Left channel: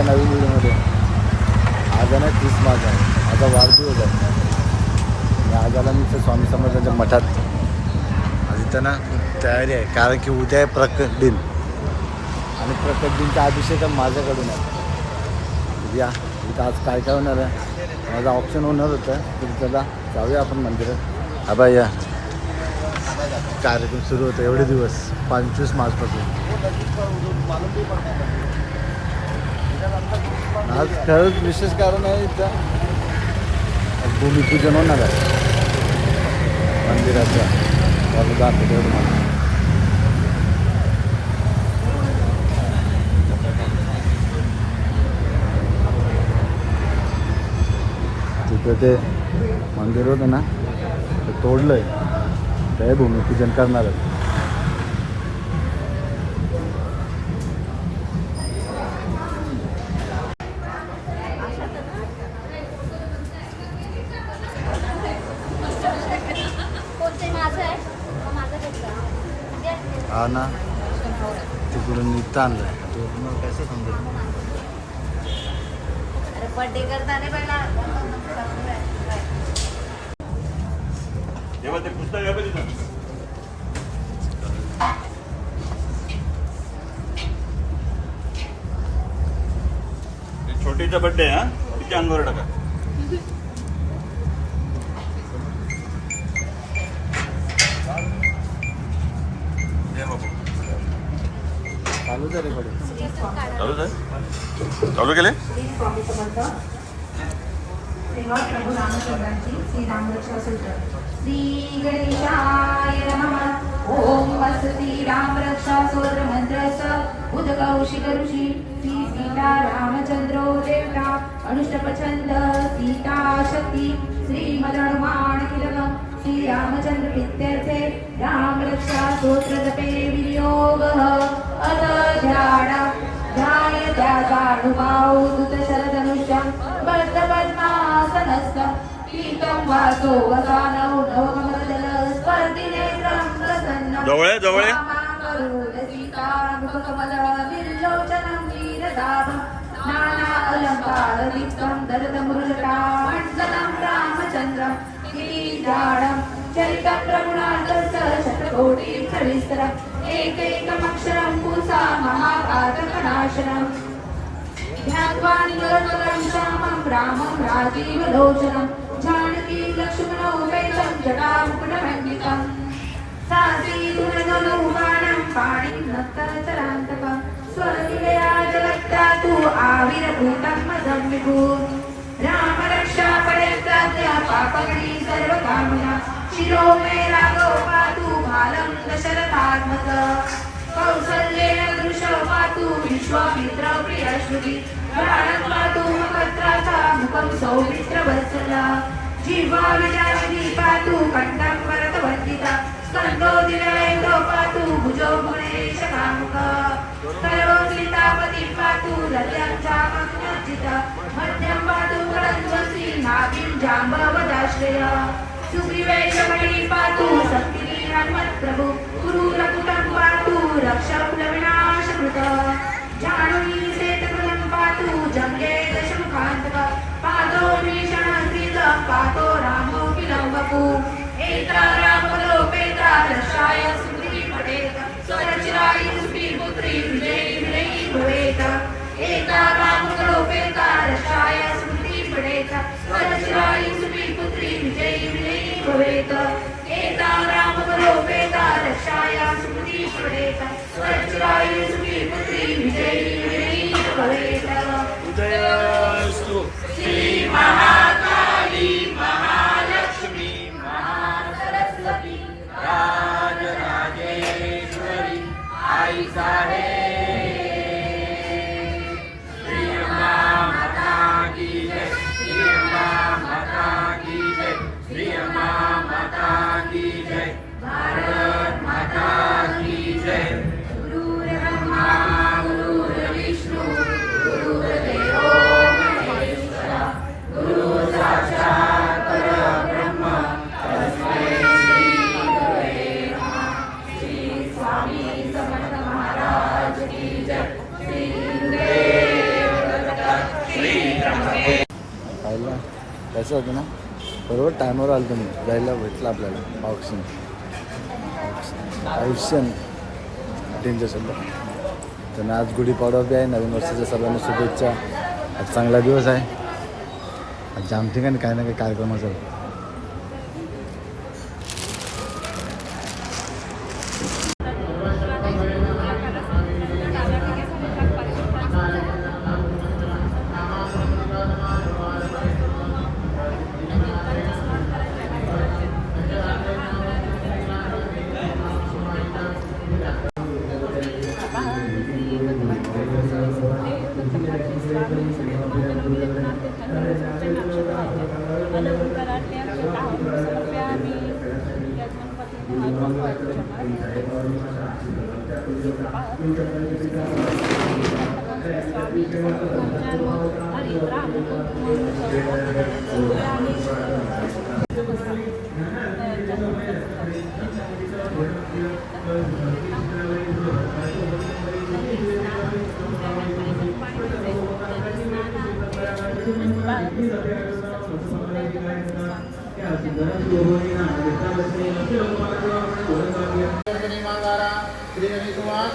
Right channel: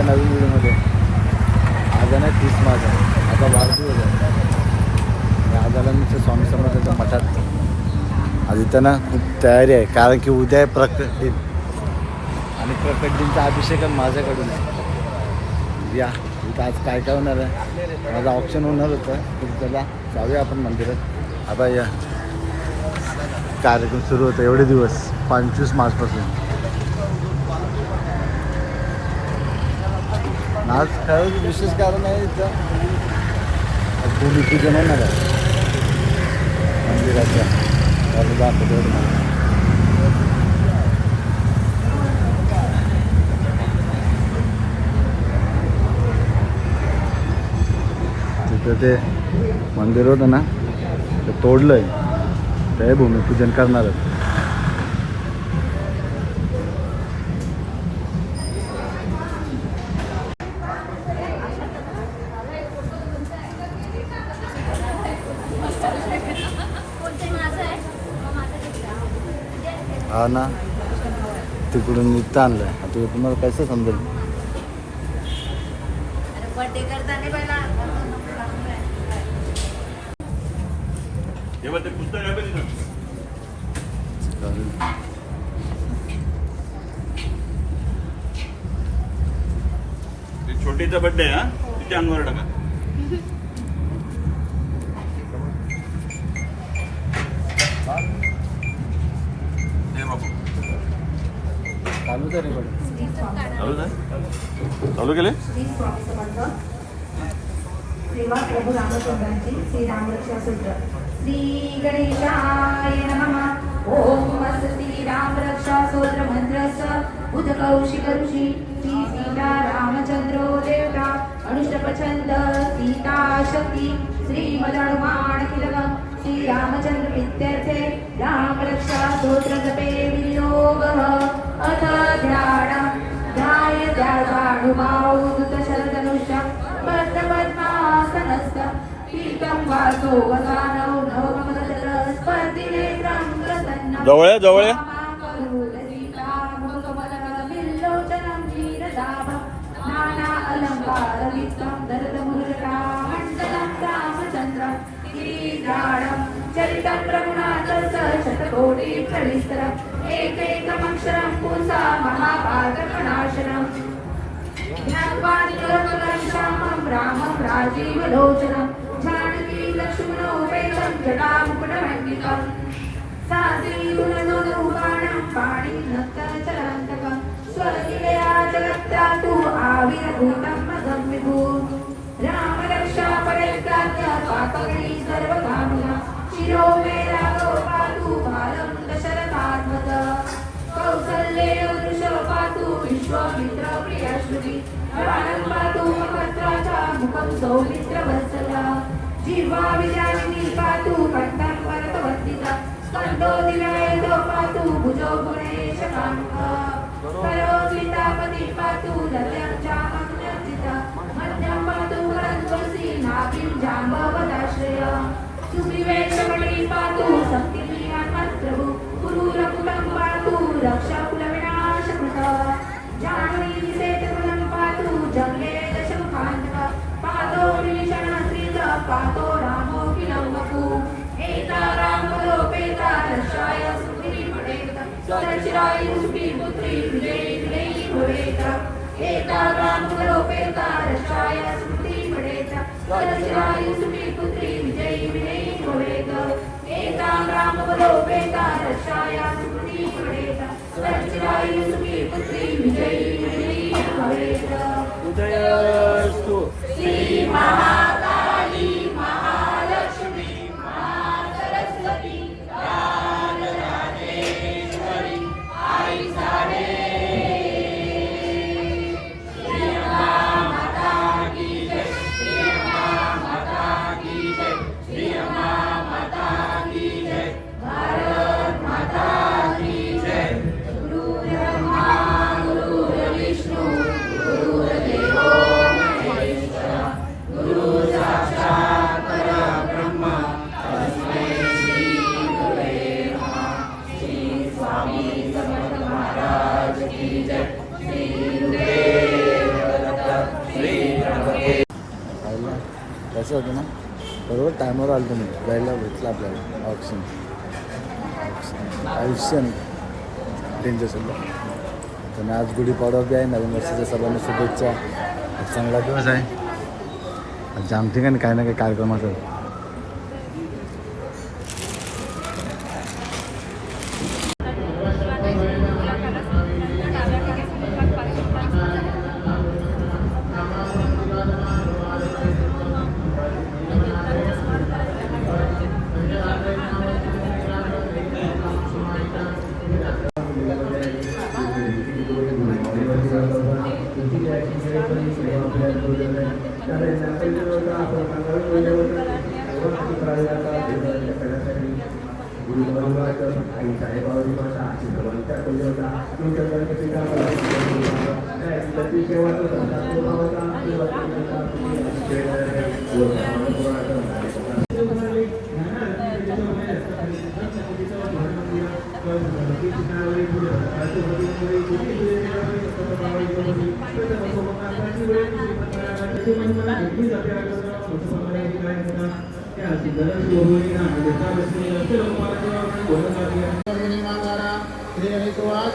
आजच्या नवीन व्हिडिओमध्ये. आज आहे ना तीस मार्च आहे. माझा वाढदिवस आहे. आणि आज आला मी स्वामी समर्थांच्या मठात. आज इथं ना खूप तयारी आहे. कारण की उद्या आहे प्रकट दिन. आणि प्रकट दिनचा अभिषेक माझ्याकडून आहे. या इथं आज काय काय होणार आहे? माझं ऑप्शन होणार होतं. तर त्याला जाऊया आपण मंदिरात. हा या. कार्यक्रम सुरू होता. एवढे दिवस. पंचवीस मार्चपासून. आज खरंच विशेष कारण आहे इथं. आज भूमिपूजन होणार आहे. मंदिराच्या त्याला दाखवतो एवढं मला. तिथं ते मंदिर होतं ना ते तोडलं आहे ते भूमिपूजन करणार हा ना तिकडून इथं आणलंय आता तुम्हाला कसं समजेल? तेव्हा ते ना छोटीचा बड्डे हा? किती अंगोर टाका. चालू आहे चालू केले सूत्र श्री गणेशाय नमः. ओम वसती रामरक्षा सूत्र मंत्रस्य श्री सीता रामचंद्रो देवता अनुष्टपछंद सीता शक्ति श्री मदनुमान किलकम श्री रामचंद्र प्रीत्यर्थे स्तोत्र जपे विनियोगः। ध्याय ध्यासानुभाव बद्धपद्मासनस्य पीतं वासो वसानौ प्रसन्नं रामचन्द्रं चरितं एकैकमक्षरं पुंसा महापातकनाशनम् ज्ञात्वानि करकलं रामं राजीवलोचनं जानकी लक्ष्मणोपेतं जटामुकुटमण्डितम् साधीगुणधनुबाणं पाणिं नक्तचरान्तकं स्वरविलया जगत्ता तु आविर्भूतं मदं विभू। राम पापगणी सर्वकामना शिरो मे राघव पातु बालं दशरथात्मक कौसल्येन पातु विश्वामित्र पातु मकत्राचा मुखं सौमित्रवत्सला जीवा विजयवती पातु कण्ठं भरतवन्दिता स्कन्धो दिव्यवेदो पातु भुजो गुणेश तयो सीतापति पातु लल्यां चामग्नचिता मध्यं पातु रज्वंसी नाभिं जाम्बवदाश्रय। सुग्रीवेशमणि पातु शक्तिनी हनुमत्प्रभु कुरुरकुटं पातु रक्षकुलविनाशकृत दशमुखान्तक पादो निशणकृत पादो रामो विलवपु एता रामलोपेता रक्षाय सुग्रीवी पडेत सरचिराय सुग्रीपुत्री विजयी विजयी भवेत एता रामलोपेता रक्षाय सुग्रीवी पडेत सरचिराय सुग्रीपुत्री विजयी विजयी भवेत एता रामलोपेता रक्षाय सुग्रीवी पडेत सरचिराय सुग्रीपुत्री विजयी विजयी भवेत श्री महाकाली टायमावर आलं तुम्ही जायला भेटलं आपल्याला. ऑप्शन आयुष्यन डेंजर सल्ला तर आज गुढीपाडवा बी आहे. नवीन वर्षाच्या सर्वांना शुभेच्छा. आज चांगला दिवस आहे. आज जाम ठिकाणी काही ना काही कार्यक्रम असेल. सेवेकरी वाच कल्याणे मार्दन भैरवाच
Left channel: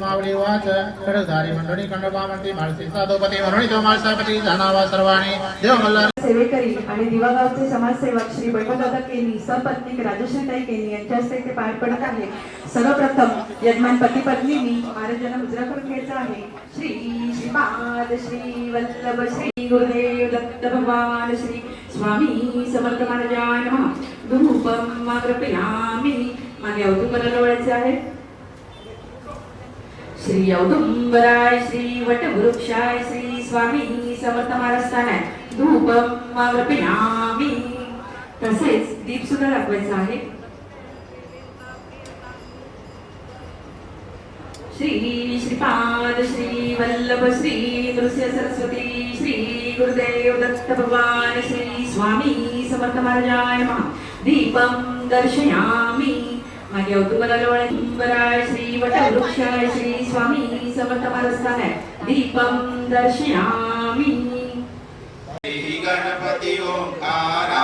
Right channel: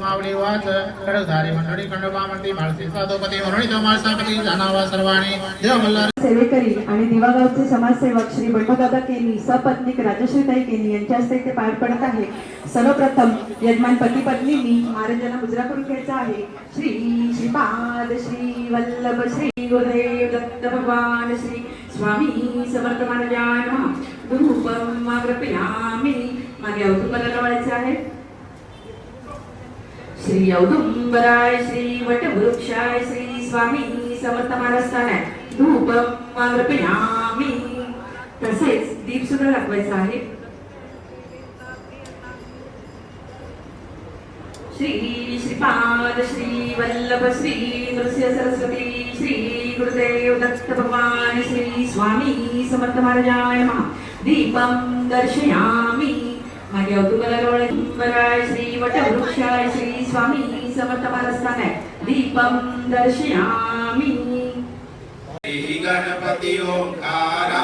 मावली वाच कडधारी मंडळी खंडोबा म्हणती माळसी साधोपती म्हणून माळसापती जाणावा सर्वाणी देव सेवेकरी आणि दिवागावचे समाजसेवक श्री वैभवदादा केनी सपत्नीक राजश्रीताई केनी यांच्या हस्ते ते पार पडत आहे. सर्वप्रथम यजमान पती पत्नींनी महाराजांना मुजरा करून घ्यायचा आहे. श्री श्रीपाद श्री वल्लभ श्री गुरुदेव दत्त भगवान श्री स्वामी समर्थ महाराजांना धूपम कृपया मागे अवधूकला लावायचं आहे. श्री औदुंबराय श्री वटवृक्षाय श्री स्वामी समर्थ महाराष्ट्राने धूप मागपिणामी तसेच दीप सुद्धा दाखवायचा आहे. श्री श्रीपाद श्री वल्लभ श्री नृसिंह सरस्वती श्री गुरुदेव दत्त भगवान श्री स्वामी समर्थ महाराजाय मा दीपम दर्शयामी. मागे अवधूतराय श्री वटवृक्षाय श्री स्वामी समर्थ महाराष्ट्राने दीपम दर्शयामी श्री गणपती ओंकारा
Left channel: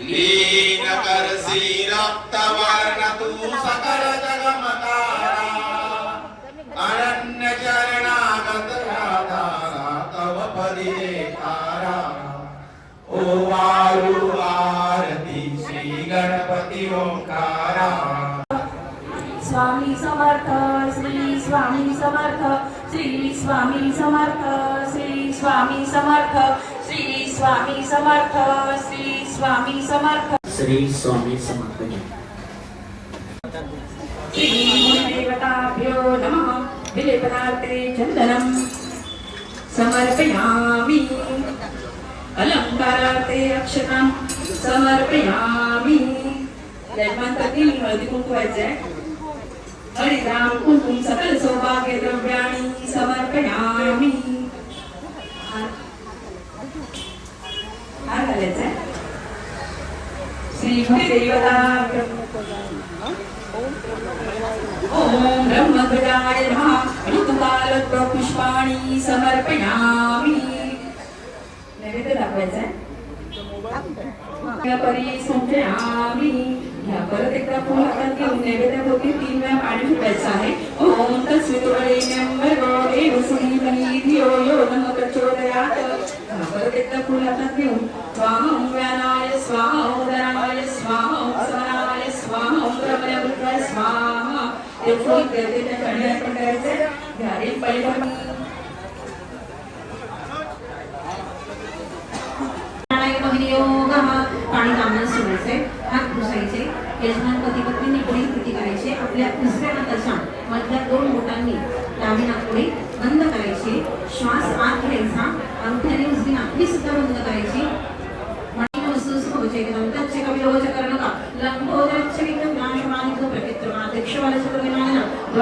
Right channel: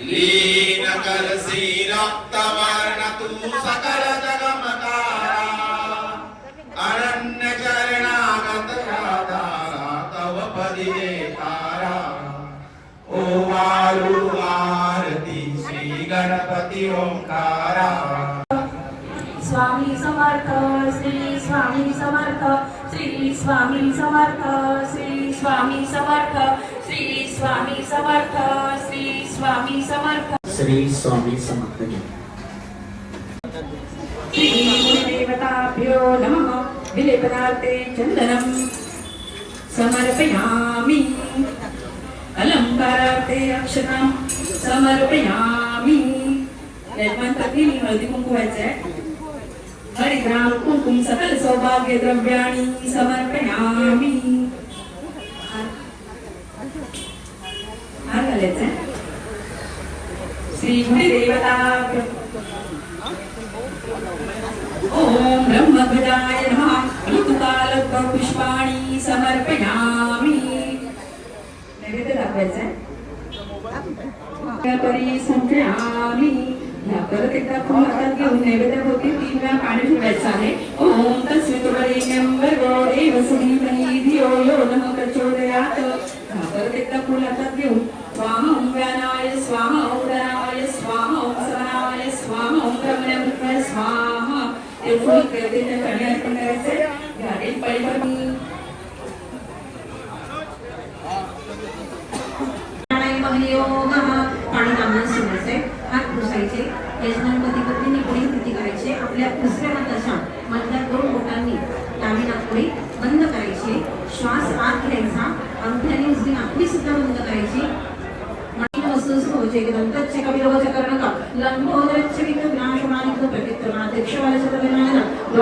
लीन करसी रक्तवर्ण तू सकल जगमतारा अनन्य चरणागत आधारा तव पदी तारा ओ वाळू आरती श्री गणपती ओंकारा. स्वामी समर्थ श्री स्वामी समर्थ श्री स्वामी समर्थ श्री स्वामी समर्थ श्री स्वामी समर्थ श्री स्वामी समर्थ. श्री स्वामी समर्थ श्रीदेवताभ्यो नमः विलेपनार्थे चन्दनं समर्पयामि। अलङ्कारार्थे अक्षतं समर्पयामि। यजमानपती हळदी कुंकू व्हायचंय हरिद्राम कुंकुम सकल सौभाग्य द्रव्याणि समर्पयामि हार घालायचंय श्री गुरुदेवताभ्यो ॐ ब्रह्मभृदाय नमः. ऋतुकालपुष्पाणि समर्पयामि. नैवेद्य आहे परी संचयामि ह्या परत एकदा फुल हातात घेऊन नैवेद्याभोवती तीन वेळा पाणी ठेवायचं आहे. ओम तस्वितुरेण्यं भर्गो देवसुधीमहि धियो यो नमः प्रचोदयात्. ह्या परत एकदा फुल हातात घेऊन स्वाहं व्यानाय स्वाहा उदराय स्वाहा समनाय स्वाहा ब्रह्ममृत्य स्वाहा. ते फुल गर्दीच्या कडे अर्पण करायचे घालील पहिलं.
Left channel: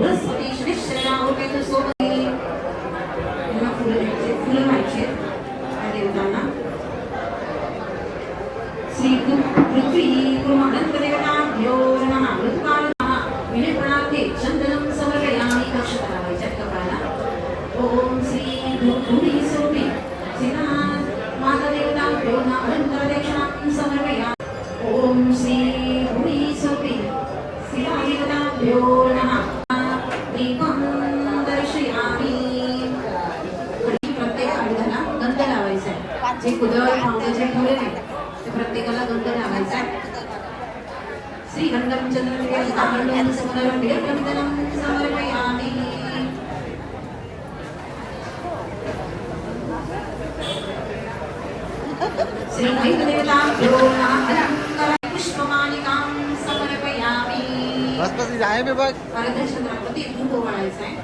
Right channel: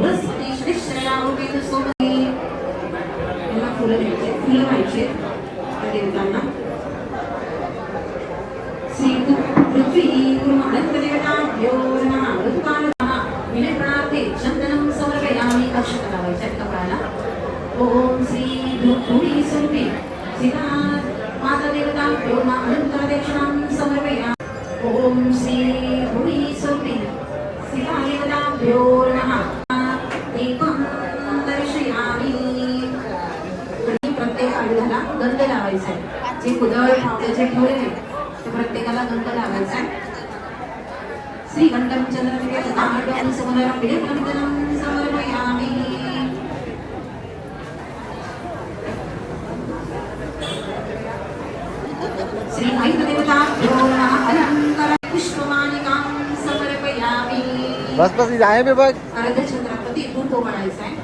शुक्रभृगाकपुत्रं बृहस्पती श्रीश्रया ओकेतु सोमती यांना फुलं द्यायचे फुलं व्हायचे त्या देवतांना श्री पृथ्वी कुर्मदत्तदेवताभ्यो नमः ऋतुकालः विनिर्गणार्थे चन्दनं समर्पयामि नक्षत्रावैच्या कपाळाला ॐ श्री भूमी स्वरूपे श्रीनाथ मातदेवताभ्यो नमः अलङ्कारदक्षिणां समर्पयामि ॐ श्री भूमी स्वरूपे श्रीदेवताभ्यो नमः दीपं दर्शयामि प्रत्येक आडव्याला गंध लावायचा आहे जे कुदळ पावण्याचे फुल आहे ते प्रत्येकाला गंध लावायचा आहे. श्री गंधम चंद्र समर्पयामी समर्पयामी श्री वैद्यदेवताभ्यो नमः अलङ्कार पुष्पमालिकां समर्पयामी. बस बस इथे आहे बे बघ. अर्धचंद्रावरती धूप ओवाळायचा आहे.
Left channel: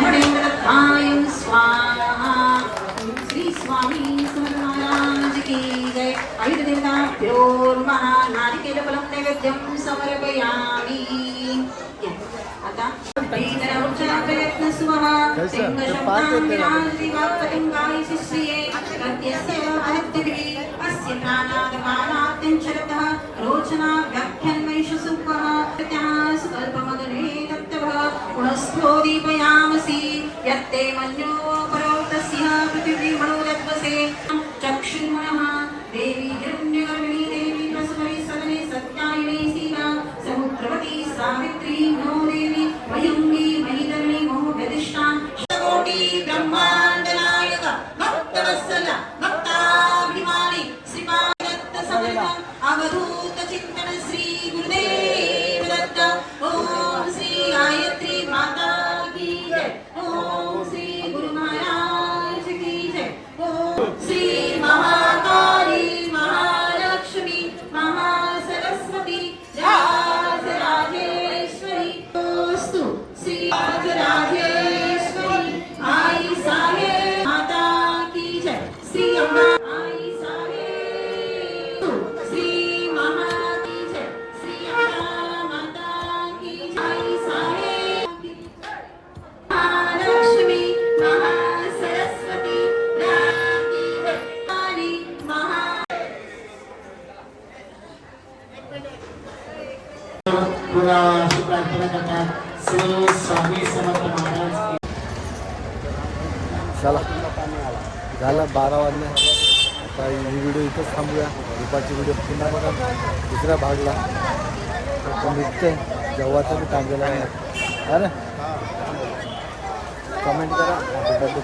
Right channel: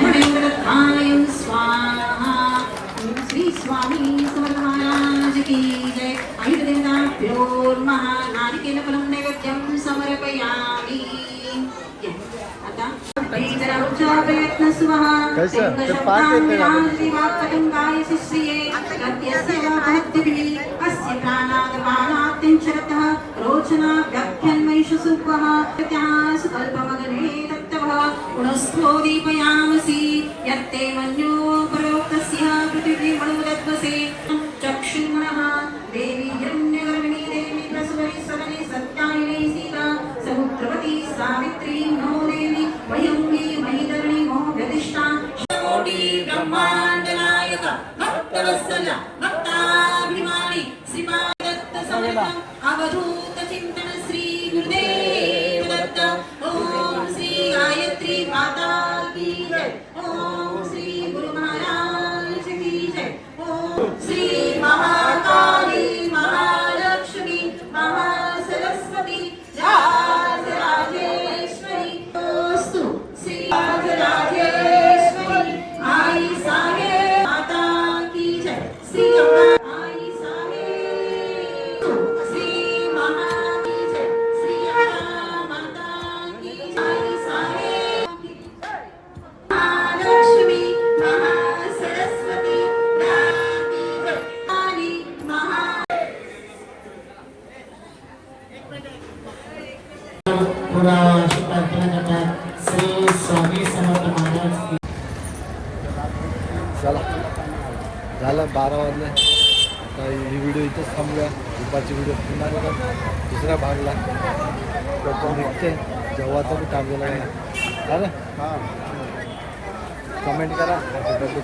श्री की जय. आयुर्देवताभ्यो नमः नारिकेलफलं नैवेद्यं समर्पयामि. आता प्रयत्न सुवः अस्य प्राणादपानात्यञ्चरतः रोचना व्याख्यन्वैष सुपः. प्रत्याः सुकल्पमगने दीपयामसि. यत्ते मन्यो प्रयोक्तस्य पृथिवीमणोदद्वसे चक्षुर्मणः Krishna, Devi, पुन्हा अशी प्रार्थना करतात श्री स्वामी समर्थ महाराज चला. झालं बारा वाजले. आता ही व्हिडिओ इथंच थांबूया. दुपारची व्हिडिओ पुन्हा बघा. दुसऱ्या भागला. तो निघते जेव्हाचं मी काम केलं अरे कमेंट करा. Happy birthday